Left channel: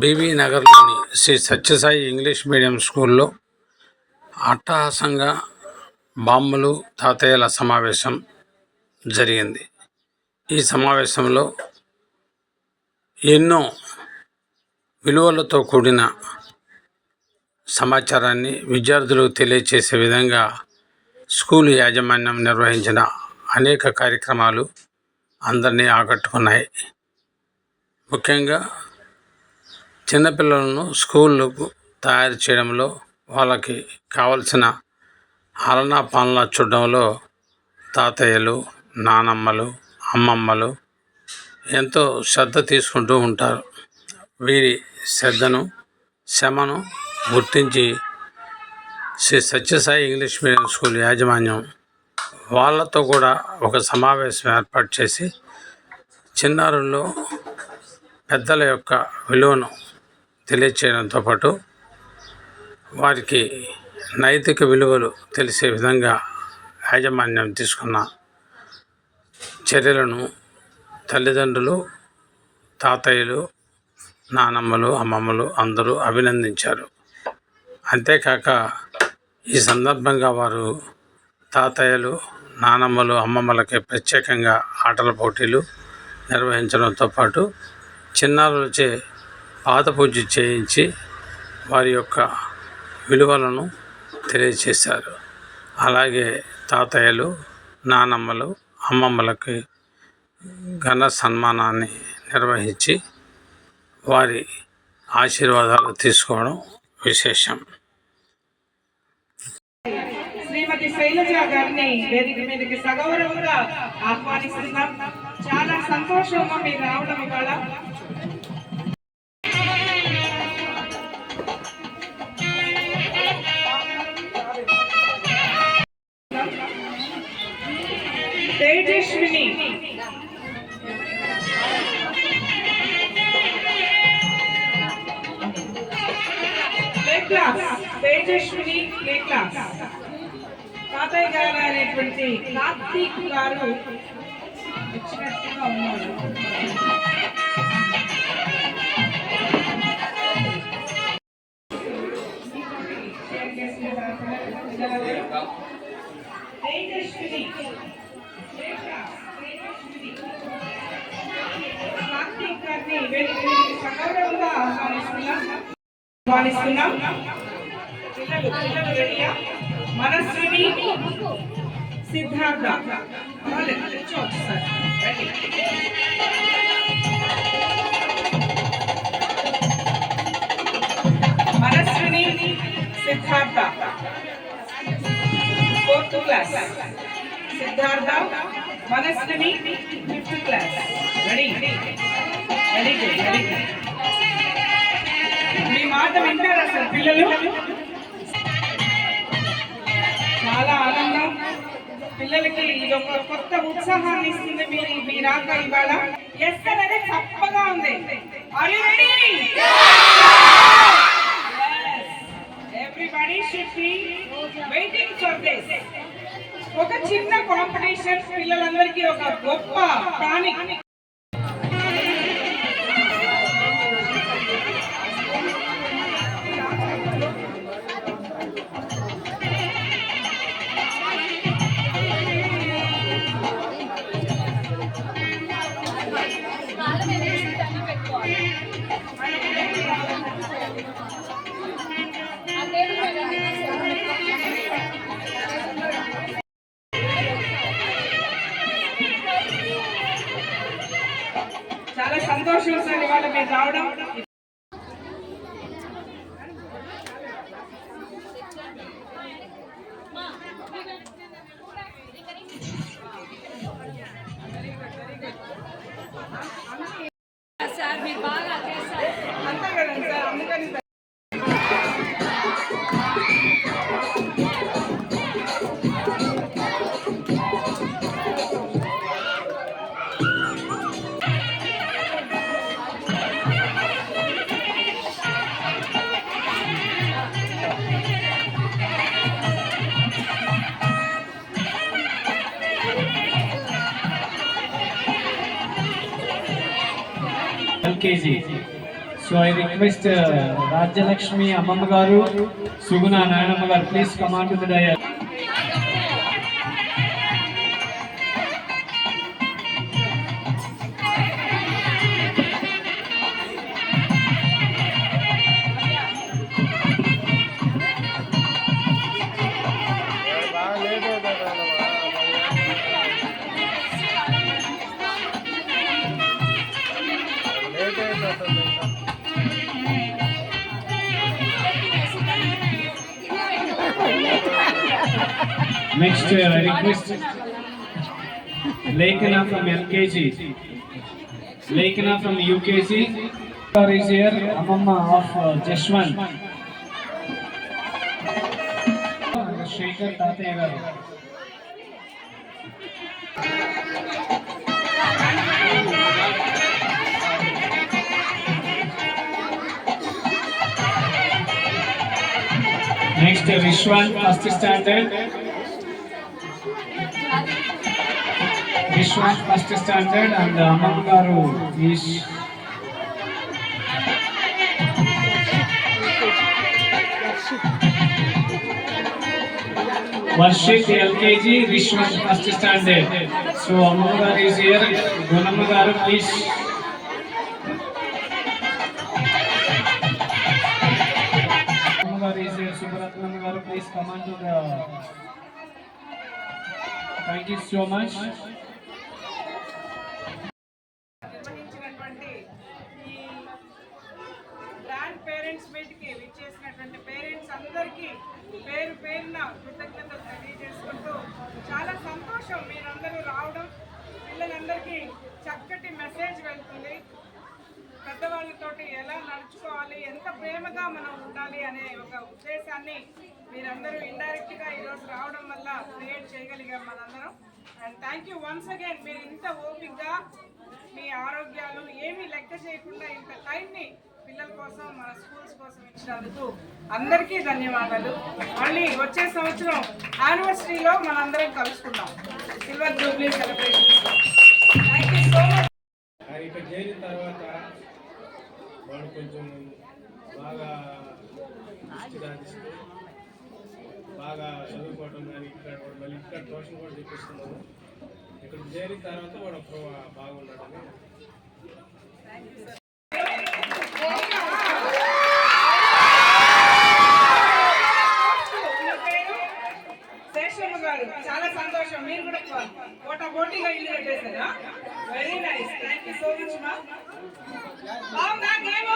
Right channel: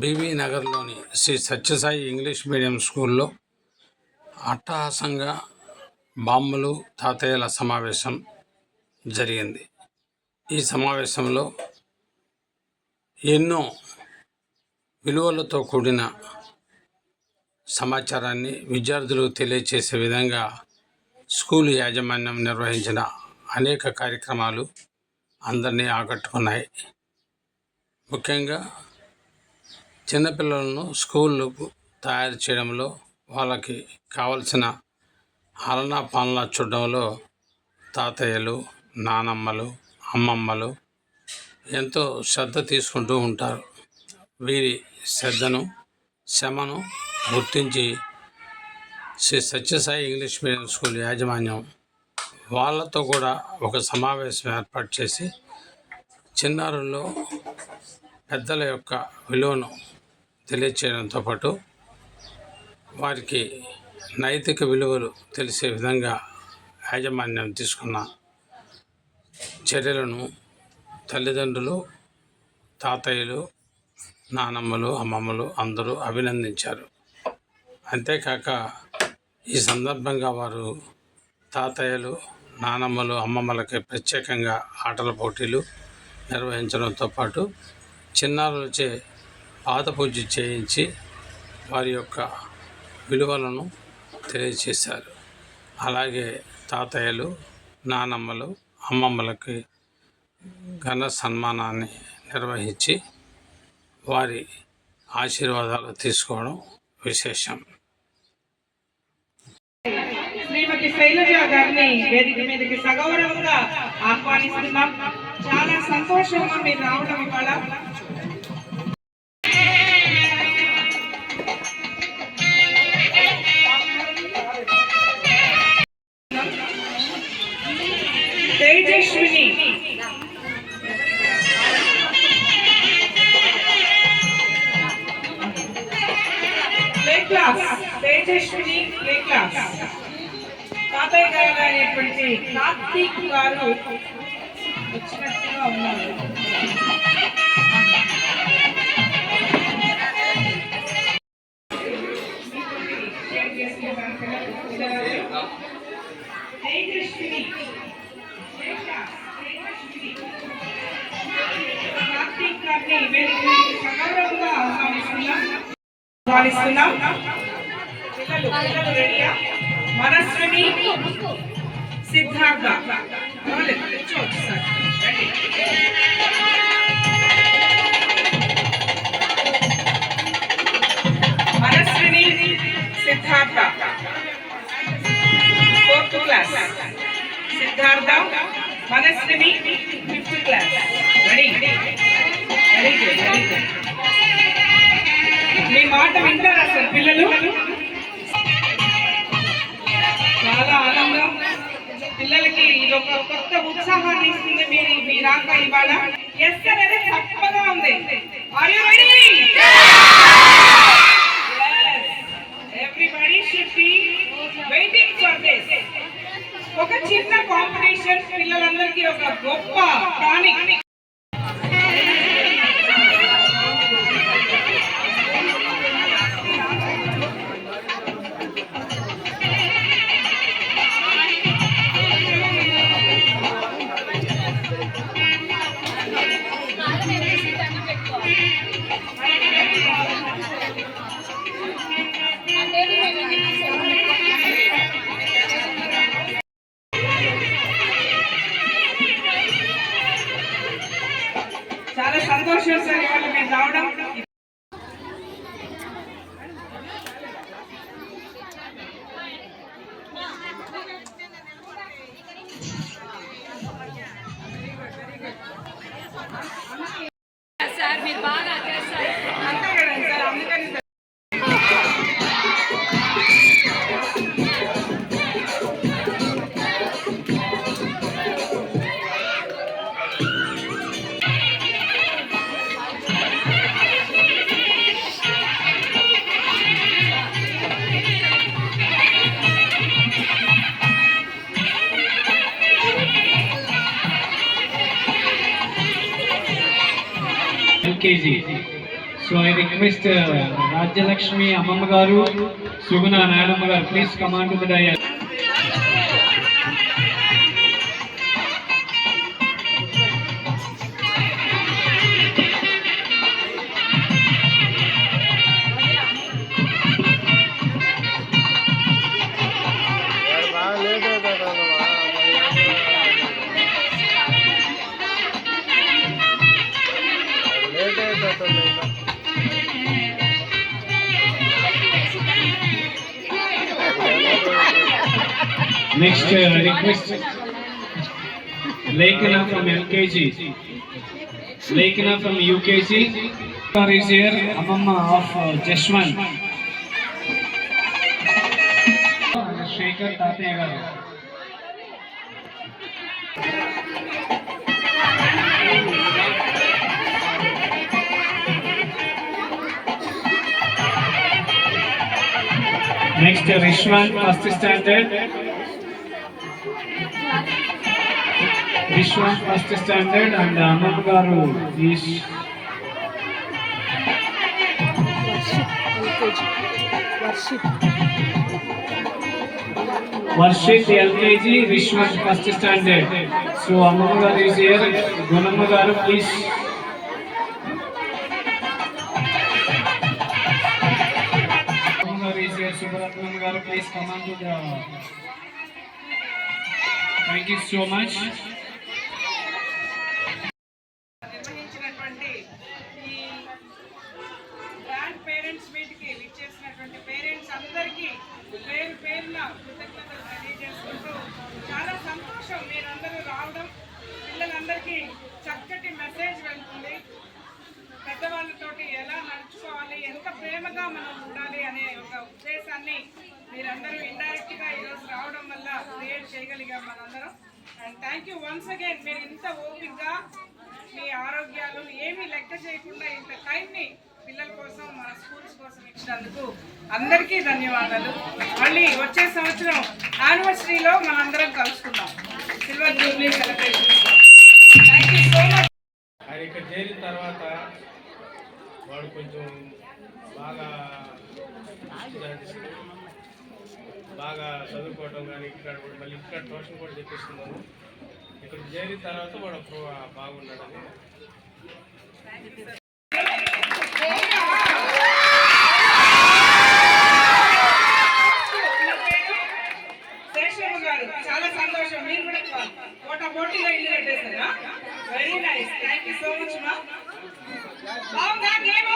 BB నగర్లోని Shri Sathya Sai English medium స్కూల్లో అట్టహాసంగా బామ్మలు తాతయ్యల సమావేశం జరిగింది. ఈ సమావేశంలో ఎన్నో విలువలతో కూడిన సమాచారాన్ని విద్యార్థులకు తెలియచేసే విధంగా స్కూల్ యాజమాన్యం నిర్వహించిన అనేక కార్యక్రమాలు అందరినీ ఆకట్టుకున్నాయి. ముఖ్యంగా చిన్నపిల్లలను స్కూళ్ళకు తయారు చేయడంలో వాళ్ళకి కావలసిన ఆలనా పాలనా చూడడంలో తాతయ్యలు నానమ్మలు అమ్మమ్మలు ఎంతో శ్రద్ధ తీసుకుంటూ ఉంటారు. వీరి శ్రద్ధను శ్రమను గుర్తించి Shri Sathya Sai English medium school యాజమాన్యం వాళ్ళతో కూడా ఒక సమావేశం ఏర్పాటు చేసి చిన్నారుల్లో పెద్దల యొక్క విలువను తెలియచేయడంతో పాటు వారికి నైతిక విలువలు తెలిసే విధంగా యాజమాన్యం తీసుకున్న చర్యలను తల్లిదండ్రులు తాతయ్యలు నానమ్మలు అమ్మమ్మలు అందరూ అభినందించారు. అంతేకాక ఈ సందర్భంగా వారు తాతయ్యలు నానమ్మలు అమ్మమ్మలకి ప్రత్యేకంగా ఆటల పోటీలు నిర్వహించడంతో పాటు చిన్నారులచే పాత పూజ చేయించి వారి యొక్క విలువలను తెలియచేశారు. అలాగే తాతయ్యలు నానమ్మలు అమ్మమ్మలకి ఘన సన్మానాన్ని నిర్వహించి వారి ఆశీర్వాదాలు తీసుకోవడం విశేషం. శ్రీమతి శైలజ గారిని వేదిక మీదకి సగౌరవంగా ఆహ్వానిస్తున్నాం. చాలా సంతోషం మీరు రావడం ఇవాళ. Tejaswini. Play class Tejaswini play class తాతయ్య గారు అనేటువంటి కార్తీక్ గారు వచ్చినట్టుగా ఉన్నారు. తేజస్విని కార్తీక్ గారిని వేదిక సగౌరవంగా ఆహ్వానిస్తున్నాం. ఆహ్వానిస్తున్నాం. పిల్లలు పిల్లలు రెడీయా Manaswini Siddhartha Manaswini Siddhartha fourth class Siddhartha Manaswini fifth class ready very good very good మీ మాట వింటారా సార్ పిల్లలు? ఒక కొత్త ఉత్సాహాన్ని ఇస్తుంది మీరు మీ రాక ఇవాళ. ఎస్ అనేది తప్పగా ఉంది. Are you ready everybody should be waiting for this ఒక చిన్న కాంపిటీషన్ పిల్లలందరికీ ఒక గొప్ప టానిక్ సంతోషం సార్ ఇవాళ మీరు రావడం KG. So I request Rajyalakshmi అమ్మమ్మ గారు సుగుణ నాయనమ్మ గారు ప్లీజ్ కమాండ్ విడాయారు Next, uh, I request Lekana from LKG. Lekana from UKG. Is here, Amamma of uh, Jeshwan. Shekhar Tataya garu. Next, Rishwan, first standard. Vishwan first standard and Amar Garu is Varshit LKG Vishwan first standard. So Amar is here. Gunam Garu please. Please come on to the... Thank you so much. Parents మీట్కి విచ్చేసినటువంటి parents అందరికీ పేరు పేరున కృతజ్ఞతలు తెలియజేసుకుంటూ చాలా సంతోషం మీరందరూ రావడం. పిల్లలందరికీ చక్కటి మెసేజ్ వెళ్తుంది. పెద్దవాళ్ళతోటి ఎలా నడుచుకోవాలి ఎంత ప్రేమగా మనం ఉండాలి అనే ఒక ఉద్దేశాన్ని మీరందరూ ఇండైరెక్ట్గా ఈరోజు రావడం వల్ల క్రియేట్ చేయగలిగాం మనందరం. And thank you once again మీరు ఇంత ఓపిక్గా మీ ఆరోగ్యాలు ఏమీ లెక్క చేయకుండా ఇంత టైంని పిల్లల కోసం మన స్కూల్స్ కోసం ఇచ్చినందుకు అందరికీ ధన్యవాదాలు. మళ్ళీ వచ్చే సంవత్సరం యానివర్సరీలో మనందరం కలుసుకుందాం. సిల్వర్ జూబ్లీ సెలబ్రేషన్స్లో థ్యాంక్ యూ సో మచ్ ఇక్కడ చేరిన తర్వాత వాడు కొంచెం బాగా దృష్టి సాధిస్తూ బాగా చదువుకోవటం కానీ ఇక్కడ కూడా మళ్ళీ ఇక్కడ ట్యూషన్ కూడా చెప్పిస్తున్నాను ఇక్కడ చేరిన తర్వాత వాడు బాగున్నాడని పోటీగా ఇల్లు కట్టేస్తారా very nice thank you so much మా బాగుందా గేమ్